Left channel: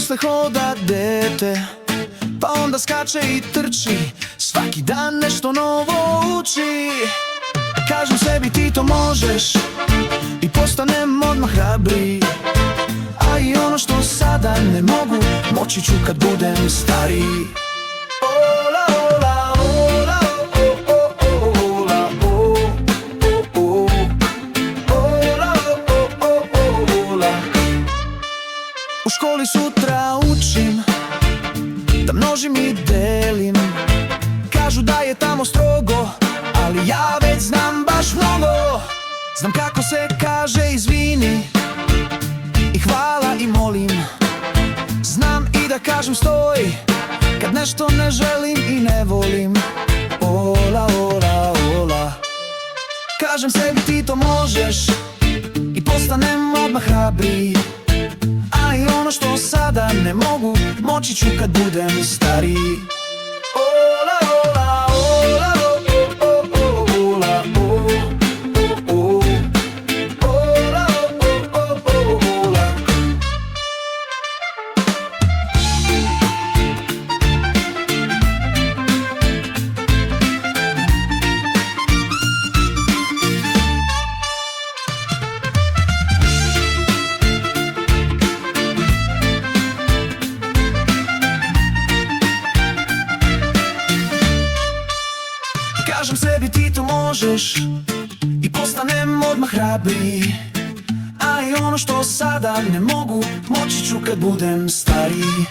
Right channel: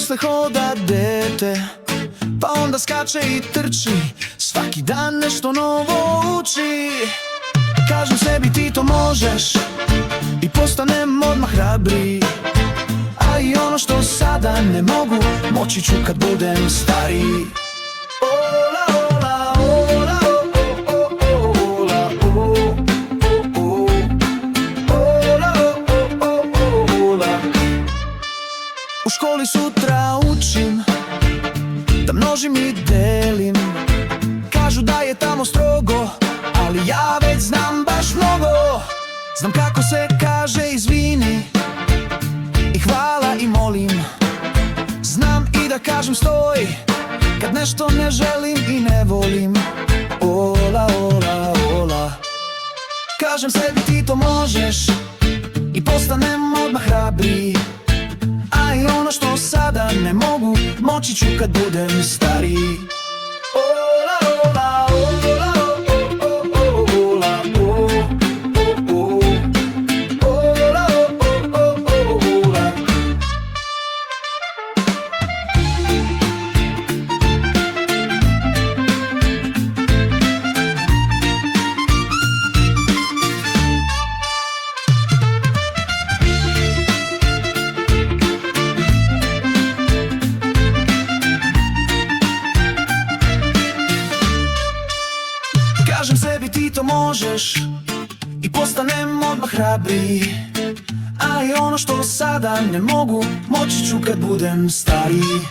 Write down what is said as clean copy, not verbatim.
posle hoda dete, pa onda skače i trči, svaki dan nešto novo uči. Kažem sebi ti to možeš i postanem odmah hrabriji, a i ono što sada ne mogu, moći ću kad budem stariji. Ola, ola, ola, o, o, o, ola, o, o, o. Ola, o, o, o, ola. U školi sutra učim da množim i delim. Kažu da je tamo strogo, ali ja već znam baš mnogo. Znam kako se kaže izvini i hvala i molim. Znam i da kažem stoj kad nešto ne želim i ne volim. Ola, ola, ola. Kažem sebi ti to možeš i postanem odmah hrabriji, a i ono što sada ne mogu, moći ću kad budem stariji. Ola, ola, ola, o, o, o, ola, o, o, o. Ola, o, o, o, ola. Kažem sebi ti to možeš i postanem odmah hrabriji, a i ono što sada ne mogu, moći ću kad budem stariji.